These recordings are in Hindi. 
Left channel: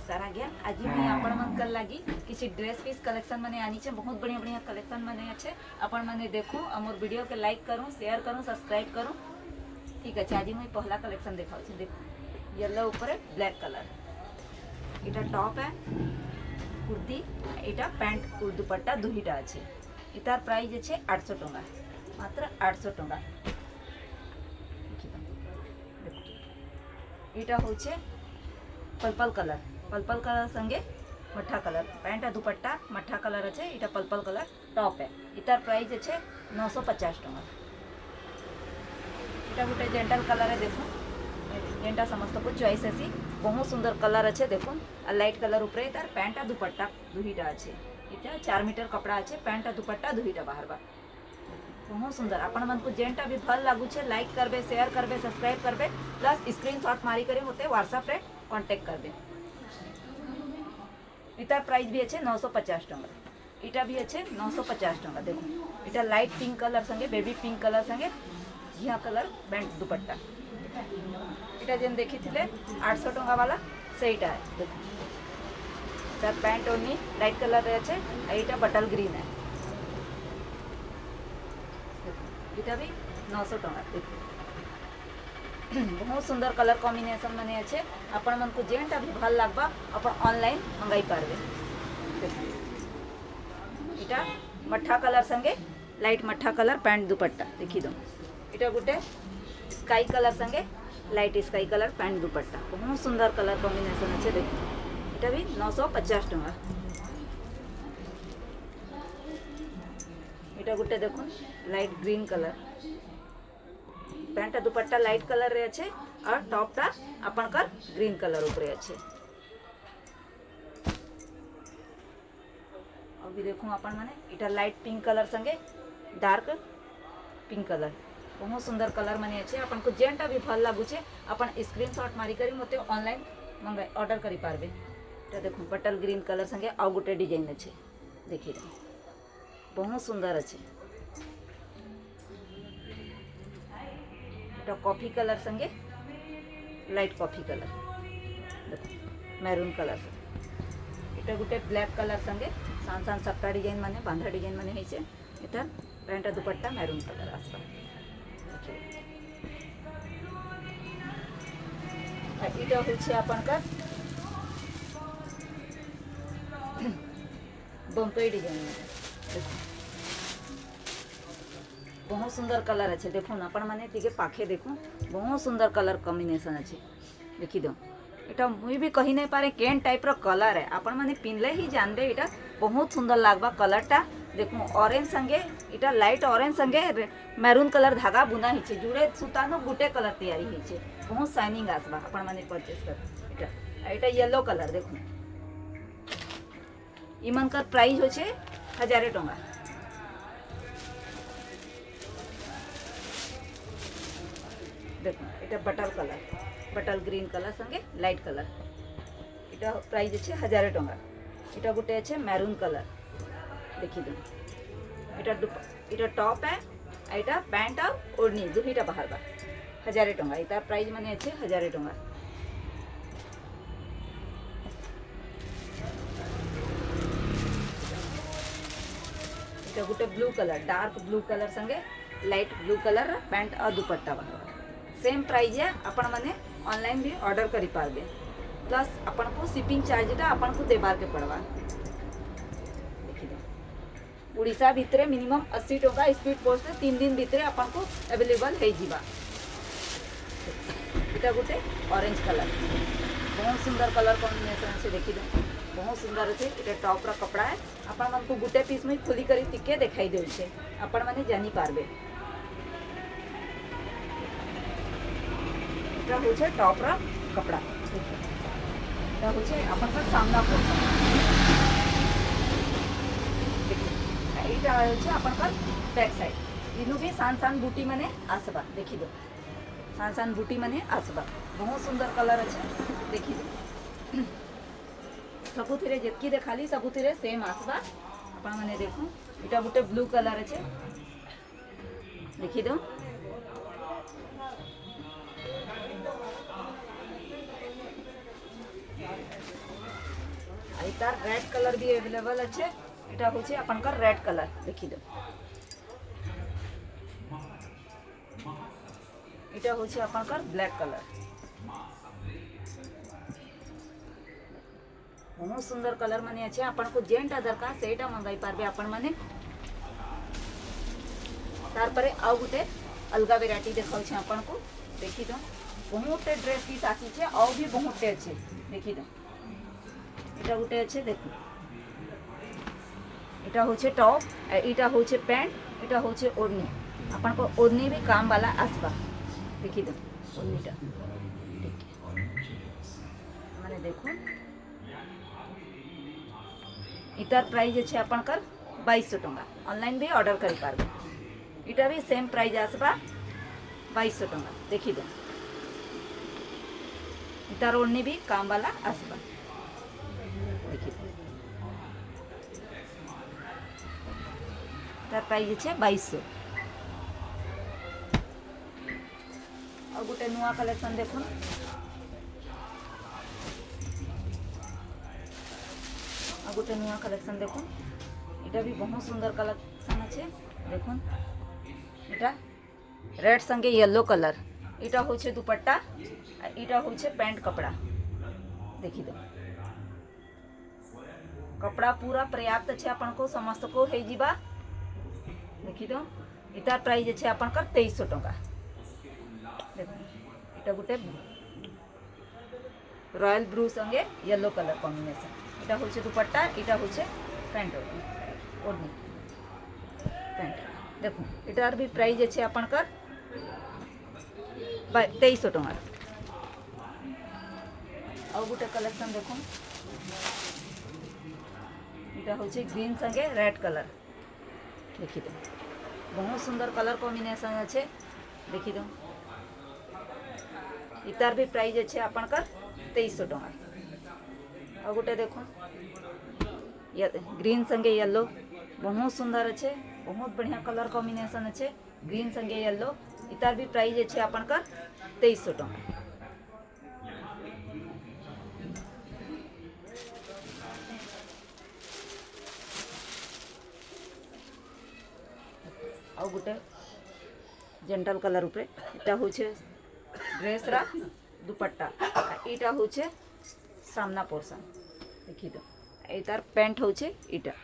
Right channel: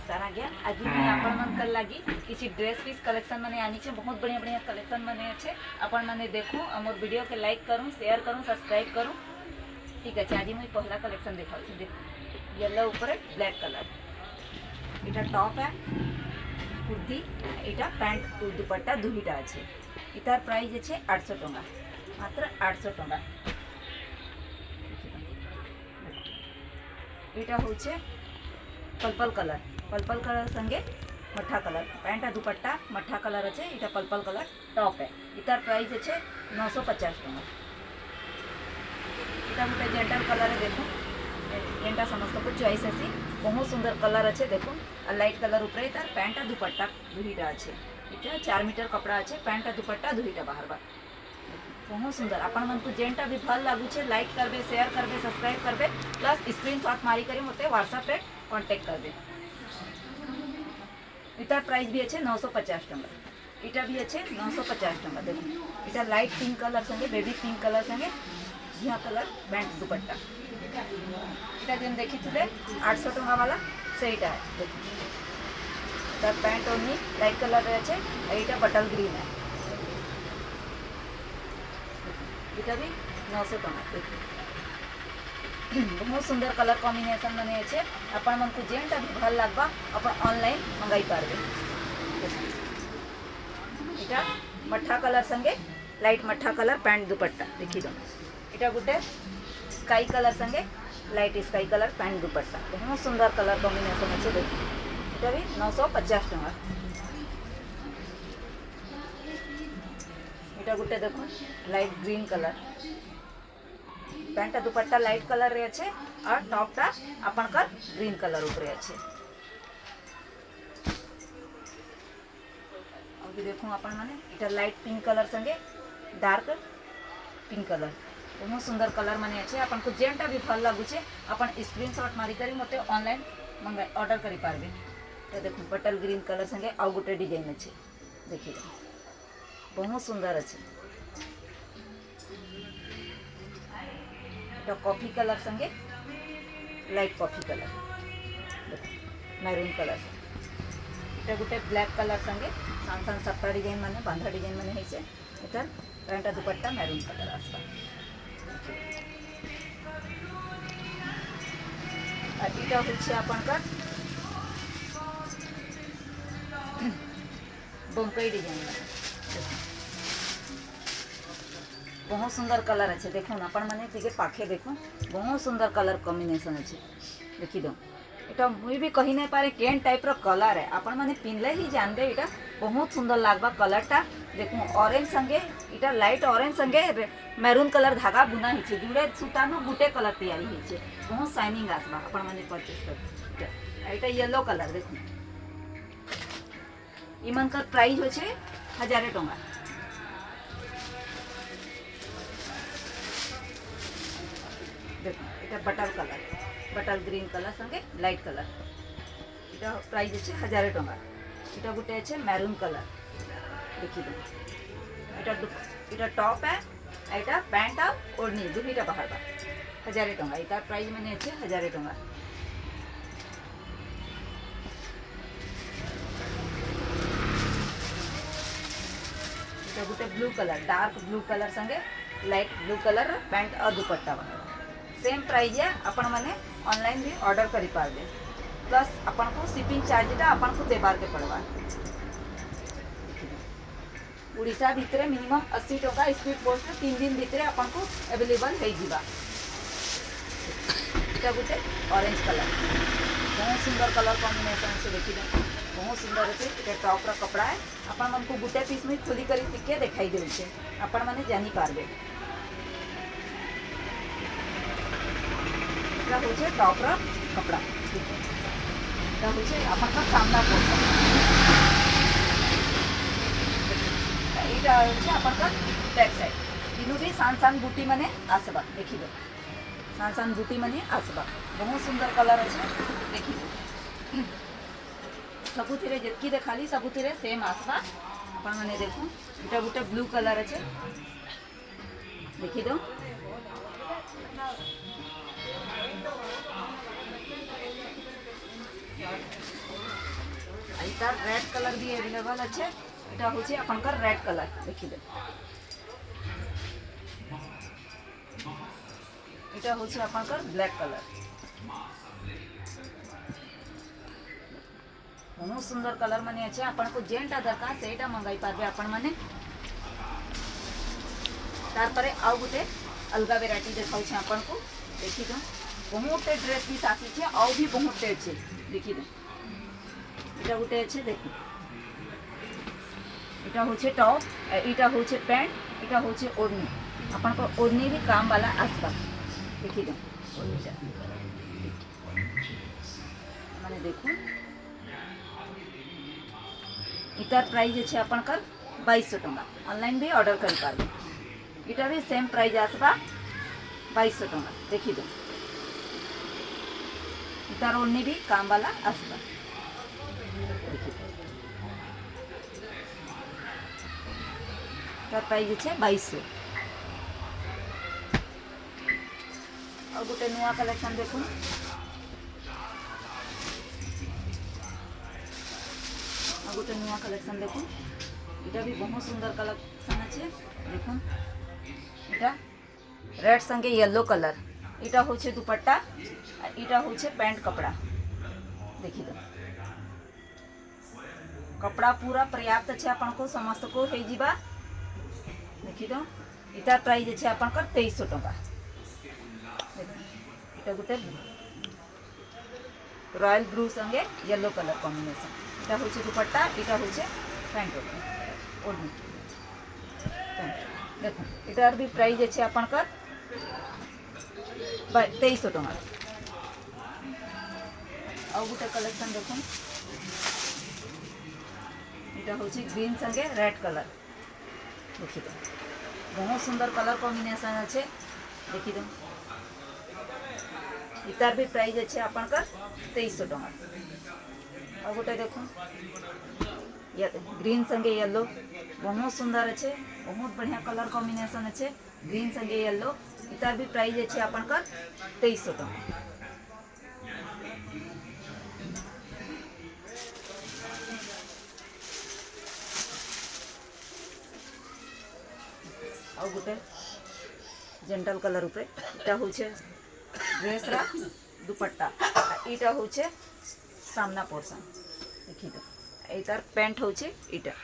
नमस्कार आज्ञा। आज मैं आपण मन लगी किसी ड्रेस पीस कलेक्शन मैंने आनी है। बहुत बढ़िया बढ़िया कलेक्शन मैंने अच्छे आपण मैंने देखूँ और वीडियो के लाइक करूँ, शेयर करूँ, सब्सक्राइब करूँ। ठीक है, आज मुझे पहला कलेक्शन देखा देखो, येलो ऊपर ब्लैक कलर, इटा टॉप है कुर्ती, इटा पैंट दुपट्टा दुईटा अच्छे। इतार प्राइस अच्छे 800 टंका, मात्र 800 टंका। इटा होचे पर्पल कलर संगे मठा कलर पैंट दुपट्टा मठा कलर अच्छे। इटा पर्पल कलर टॉप है। इतार प्राइस अच्छे 950 टंका। इटा गोटे जेंटल कलर है, देखो जेंटा समस्त को चॉइस है। बहुत सुंदर कलर अच्छे, देखो लाइट कलर ऊपर इतार पैंट दुपट्टा दुईटा अच्छे। इटा 4 मीटर कपड़ा अच्छे, पैंट दुपट्टा दुईटा बाहर बार बहुत सुंदर। आपण मन को जेनटा भी भल लागू छे लाइक करबे, शेयर करबे, सब्सक्राइब करबे, प्लस स्क्रीनशॉट मारी करे मते व्हाट्सएप पे कांटेक्ट करबे। इतार प्राइस भी अच्छे 950 टंका। इटा भी अच्छे 950 टंका। देखो इटा लाइट पिंक कलर संगे बेबी पिंक कलर संगे झिया कलर पैंट दुपट्टा। इटा जेन देखी थे 800 टंका वाला सेटा है। देखो इटा पैंट ओनी लाइट कलर अच्छे, इटा बटल ग्रीन है। इटा भी 900 टंका। बहुत सुंदर कलर कॉम्बिनेशन मैंने अच्छे। आपण मन को जेनटा भी भल लगवा अपन ऑनलाइन मंगाई पारबे। इटा मठा कलर संगे लाइट मठा कलर पैंट दुपट्टा देखी दो। इटा गोटे स्काई कलर संगे लाइट स्काई कलर पैंट दुपट्टा। बहुत सुंदर कलर कॉम्बिनेशन अच्छे। देखो इटा भी 950 टंका। इटा गोटे देखो लाइट ग्रीन कलर पैंट दुपट्टा लाइट कलर रे अच्छे और टॉपटा आपनकर ग्रीन कलर ऊपर अच्छे। अभी देखो अपन माने इटा लाइट पिंक कलर संगे डार्क पिंक कलर। बहुत सुंदर कलर माने अच्छे। अपन को जेनटा भी भल लागू छे अपन स्क्रीनशॉट मारी करी मते ऑनलाइन मंगा ऑर्डर करी पारबे। इटा देखो बटल ग्रीन कलर संगे आ गोटे डिजाइन अच्छे। देखिए बहुत सुंदर अच्छे। इटा कॉफी कलर संगे लाइट कॉफी कलर, देखो मैरून कलर संगे। इटा गोटे ब्लैक कलर संगे सान सान सप्ता डिजाइन माने बांधा डिजाइन माने है। इटा पैंट दुपट्टा मैरून कलर आसपा। इटा होछे आपनकर बम्पई डिजाइन में। बहुत सुंदर कलर अच्छे। देखो ना अपन माने टिके पाखे देखो बहुत सुंदर कलर कॉम्बिनेशन अच्छे। देखी दो इटा मुई भी कही नहीं पारे केन टाइप रो कलर है। अपन माने पिनले ही जानबे इटा बहुत सुंदर लागबा कलरटा। देखो ऑरेंज संगे इटा लाइट ऑरेंज संगे मैरून कलर धागा बुना हिचे। जुड़े सूतानो गुटे कलर तैयारी हिचे। बहुत शाइनिंग आसबा अपन माने परचेस कर। इटा येलो कलर देखो इमनकर प्राइस होचे 1000 टंका। देखो इटा बटल ग्रीन कलर संगे लाइट कलर। इटा प्राइस अच्छे 1000 टंका। इटा गोटे अच्छे मैरून कलर देखी दो। इटा टॉप है, इटा पैंट और ओढ़नी दुईटा बाहर बार 1000 टंका। इटा प्राइस मैंने अच्छे 1000 टंका। इटा गोटे blue colour dark blue colour संगे लाइट ब्लू कलर पैंट और दुपट्टा बाहर सेम प्राइस है। आपण माने ऑनलाइन भी ऑर्डर करी पारबे, प्लस अपन को शिपिंग चार्जटा अपन को देबार के पड़वा। उड़ीसा भितरे मिनिमम 80 टका स्पीड पोस्ट 3 दिन भितरे अपन को अवेलेबल हो जीवा। इटा गोटे ऑरेंज कलर बहुत सुंदर कलर कॉम्बिनेशन से देखी दे। बहुत सुंदर अच्छे। इटा टॉप रा कपड़ा है। अपन मन को गोटे पीस में खोली करी टिके दिखाई देउछे अपन माने जानी पारबे। होचे टॉप रा कपड़ा होचे अपन का सामना पोर्शन। इटा होचे अपन का बैक साइड। इनु भी सान सान बूटी माने आसबा। देखी दो सान सान बूटी माने आसबा। बहुत सुंदर कलर अच्छे। देखी दो सबुथिरे जेतकी देखाली सबुथिरे सेम आसबा अपन माने। देखो इटा गोटे ब्लू कलर अच्छे। देखी दो तार रेड कलर भी अवेलेबल अच्छे এটা হচ্ছে আপনার রেড कलर देखी दो এটা হচ্ছে আপনার ব্ল্যাক कलर बहुत सुंदर कलर माने अच्छे आपको जेंटा दरकार सेटा मंगाई पारबे आपण माने तार परे आउ गुटे अलगा वेराइटी देखाउ छे आपण को देखी दो बहुत ड्रेस भी आसी छे आउ भी बहुत अच्छे देखी दो এটা গুটে আছে দেখুন এটা হচ্ছে টপ এটা হচ্ছে প্যান্ট এটা হচ্ছে ওড়নি আপনার ওড়নি भी काम वाला आसपा देखी दो ওড়নিটা মানে দেখুন इतार प्राइस আছে আপনার 2200 টাকা অনলাइन भी ऑर्डर कर पारबे এটা भी सेम प्राइस आसबा 2200 টাকা देखी दो इतार ओढ़नी भी काम वाला आसबा तार प्राइस है 2200 और गोटे नुआ कलेक्शन देखो और गोटे नुआ कलेक्शन देखो इटा भी बहुत सुंदर कलेक्शन अच्छे देखो इटा रेड संगे येलो कलर इटा होचे दुपट्टा इटा होचे पैंट कपड़ा देखी दो कपड़ा पूरा पर्याप्त अच्छे अपन को समस्त को हो जीवा देखी दो इतार प्राइस अच्छे अपन का 2300 टका इटा गोटे रॉयल ब्लू संगे येलो कलर कॉम्बिनेशन इटा होचे दुपट्टा इटा होचे पैंट ओढ़नी पैंट देखो इटार भी प्राइस अच्छे अपन का 2300 टका और गोटे कलेक्शन देखो এটা হচ্ছে গ্রিন संगे रेड कलर देखी दो बहुत सुंदर कलर कॉम्बिनेशन अच्छे देखी दो इतार भी प्राइस अच्छे अपन का 2300 टका और गोटे देखो ये ग्रीन संगे येलो बहुत सुंदर अच्छे बहुत बढ़िया कलर कॉम्बिनेशन अच्छे ग्रीन संगे येलो इतार भी प्राइस अच्छे अपन का 2300 टका और गोटे जेंटल कलर उपरे इटा होचे ड्रेस रा दुपट्टा इटा होचे सामना पोर्शन देखी दो इतार पैंट होचे इटा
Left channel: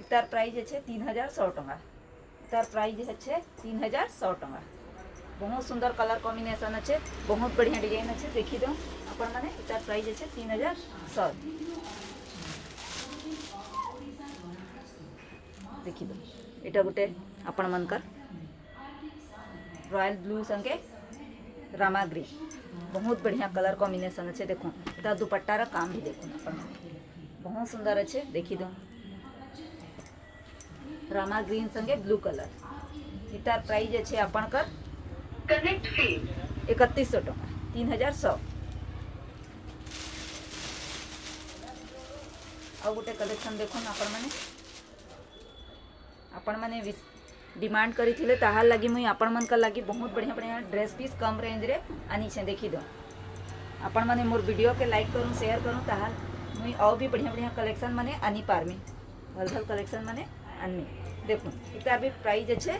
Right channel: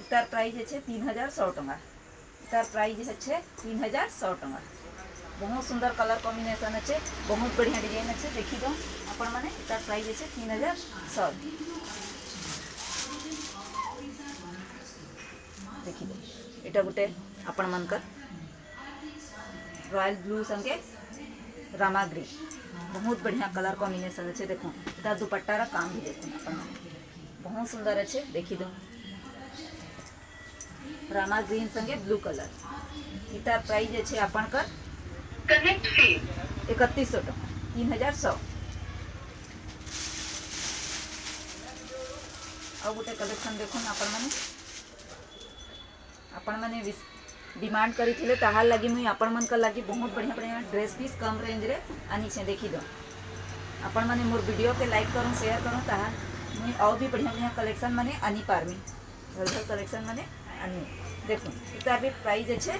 इतार प्राइस अच्छे 3100 टका इतार प्राइस अच्छे 3100 टका बहुत सुंदर कलर कॉम्बिनेशन अच्छे बहुत बढ़िया डिजाइन अच्छे देखी दो अपन माने इतार प्राइस अच्छे 3100 देखी दो इटा गोटे आपण मनकर रॉयल ब्लू संगे रामा ग्रीन बहुत बढ़िया कलर कॉम्बिनेशन अच्छे देखो इता दुपट्टार काम भी देखो अपन बहुत सुंदर अच्छे देखी दो रामा ग्रीन संगे ब्लू कलर इतार प्राइस अच्छे अपन कर 3100 टका 3100 और गोटे कलेक्शन देखो आपण मैंने डिमांड करी ताहार लगी मुई आपण मन का लगी बहुत बढ़िया बढ़िया ड्रेस पीस कम रेंज रे आनी छे देखी दो आपण मैंने मोर वीडियो के लाइक करूँ शेयर करूँ ताहार मुई और भी बढ़िया बढ़िया कलेक्शन मैंने आनी पारमी भल कलेक्शन मैंने आनी देखो इतार भी प्राइस अच्छे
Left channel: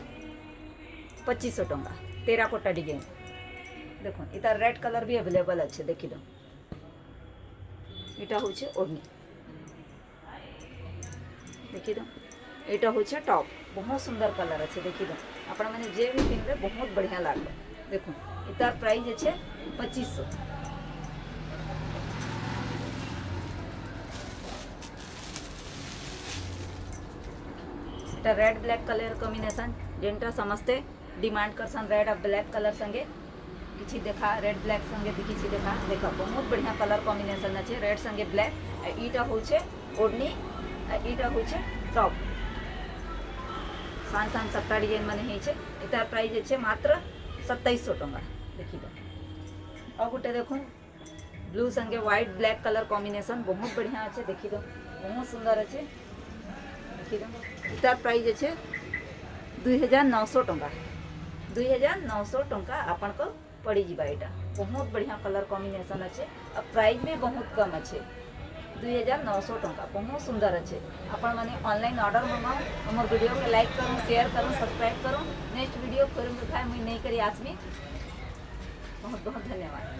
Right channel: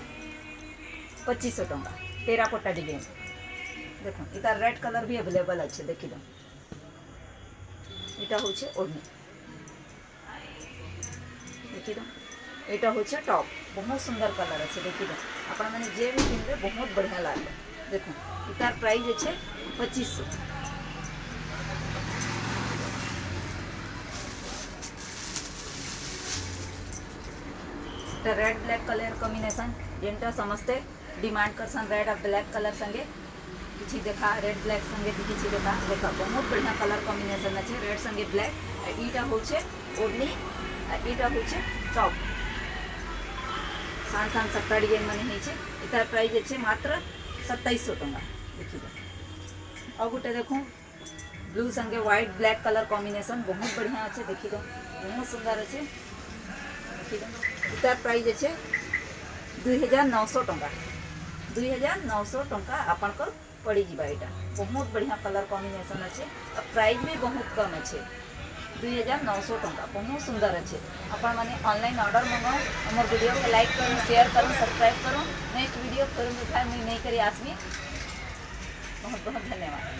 2500 टका टेराकोटा डिजाइन देखो इतार रेड कलर भी अवेलेबल अच्छे देखी दो इटा होचे ओढ़नी देखी दो এটা হচ্ছে টপ बहुत सुंदर कलर अच्छे देखी दो अपन मैंने जे भी पिनबे बहुत बढ़िया लागবে देखो इतार प्राइस अच्छे 2500 तो रेड ब्लैक कलर कॉम्बिनेशन जेनटा समस्ते डिमांड करसन रेड और ब्लैक कलर संगे किसी देखा रेड ब्लैक संगे किसी देखा देखा बहुत बढ़िया कलर कॉम्बिनेशन अच्छे रेड संगे ब्लैक ईटा होचे ओढ़नी ईटा होचे टॉप सान सान सप्ता डिजाइन मैंने इतार प्राइस अच्छे मात्र 2700 टका देखी दो और गोटे देखो ब्लू संगे व्हाइट ब्लैक कलर कॉम्बिनेशन बहुत बढ़िया अच्छे देखी दो बहुत सुंदर अच्छे देखी दो इतार प्राइस अच्छे 2900 टका 2900 टका आपन को पड़ी जीवा एटा बहुत बढ़िया कलर कॉम्बिनेशन अच्छे और प्राइस भी बहुत कम अच्छे 2900 टंका बहुत सुंदर अच्छे आपण मैंने ऑनलाइन ऑर्डर मंगाओ मोर वीडियो को लाइक करो शेयर करो सब्सक्राइब करो नेक्स्ट वीडियो फिर मुझे नहीं करी आसमी बहुत बहुत धन्यवाद।